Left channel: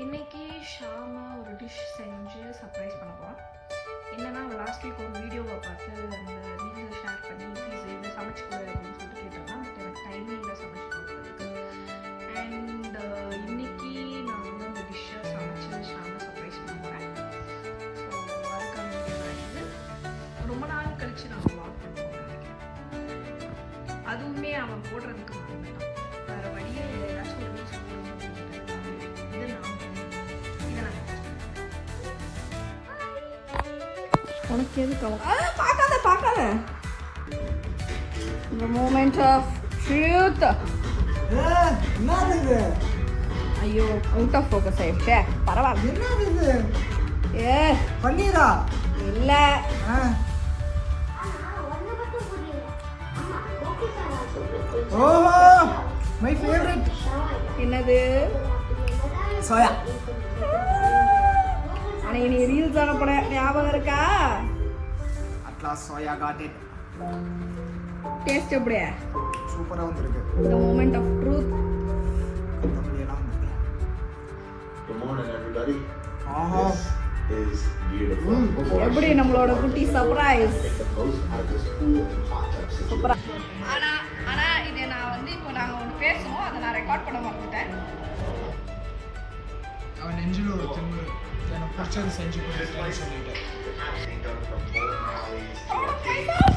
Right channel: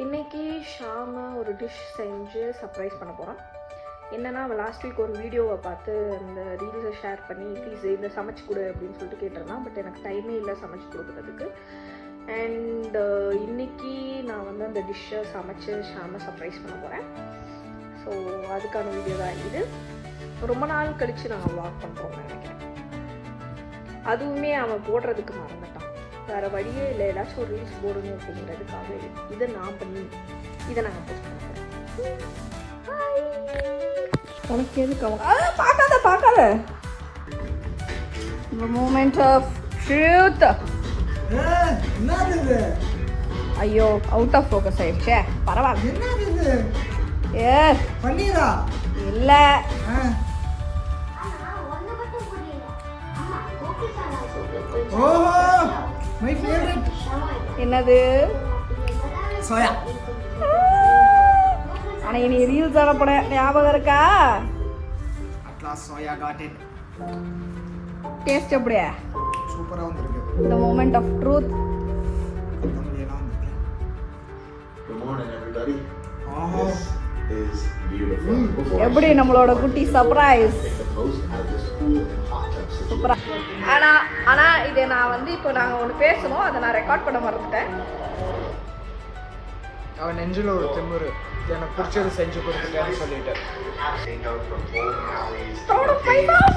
இன்னைக்கு ஷாம ஒரு டிஷ் செஞ்சு சர்ப்ரைஸ் பண்ண போகிறோம். என்னன்னா, அவன் லாஸ்ட் வீக் ஒரு வீடியோவை பார்த்து அந்த ரீல்ஸை ஷேர் பண்ணி ப்ளீஸ் இதை சமைச்சு கொடு அப்படின்னு சொல்லிட்டு கேட்டிருந்தான். பட் எனக்கு டைமே இல்லை சமைச்சு கொடுக்குறதுக்கு. அண்ட் இன்னைக்கு நான் வந்து அந்த டிஷ்ஷை சமைச்சு ஷாம சர்ப்ரைஸ் பண்ண போகிறேன். ஸோ அதுக்கான வீடியோ தான் இது. ரொம்ப நாள் கழித்து நான் வாக் பண்ணுறோம் நினைக்கிறேன். அதுவுமே அவன் போடுறதுக்கு மறந்துட்டான். வேறு வழியே இல்லை, ஏதாச்சும் ஒரு ரீல்ஸ் போடணும் அப்படிங்கிறதுக்காக இதை நான் பண்ணி இதை நாங்கள் போஸ்ட் பண்ணுறோம். உனக்கு எதுக்கு அவன் பார்க்காத மூமெண்ட் ஆஃப் ட்ரூத். என்னது? ஐயோ, அவுட் ஆஃப் ஃபோக்கஸ் ஆயிடுச்சே. பரவாயில்ல. என்னது? ஏ பன்னீரா? இல்லை, ஓஹோ, மை ஃபேவரட். என்னது? சோயா. ஆனால் இனி ரீல்ஸ் ஆகப்பட ஞாபகம் இருக்கா? Atlas soya got it. Taste எப்படியா? சூப்பரா வந்திருக்கு. The moment of truth. தம்பியெல்லாம் வந்திருக்கு. Good morning, everybody. Aha, This is beautiful. Before I எப்படி shoot, நம்மளோட குட்டி surprise? take the most out of this food and context situation. ஆனா இதை நான் வந்து இப்போ நாங்கள் ஒன்று பேசணும், அதை நான் ரெக்கார்ட் பண்ண மறந்துட்டேன். அவன் நெஞ்சில் ஒரு திமிரு, எனக்கு பிடிச்சது செஞ்சு கொடுத்துட்டேன்னு சொல்லிட்டு. Passing though from bowling alleys. Total fight off.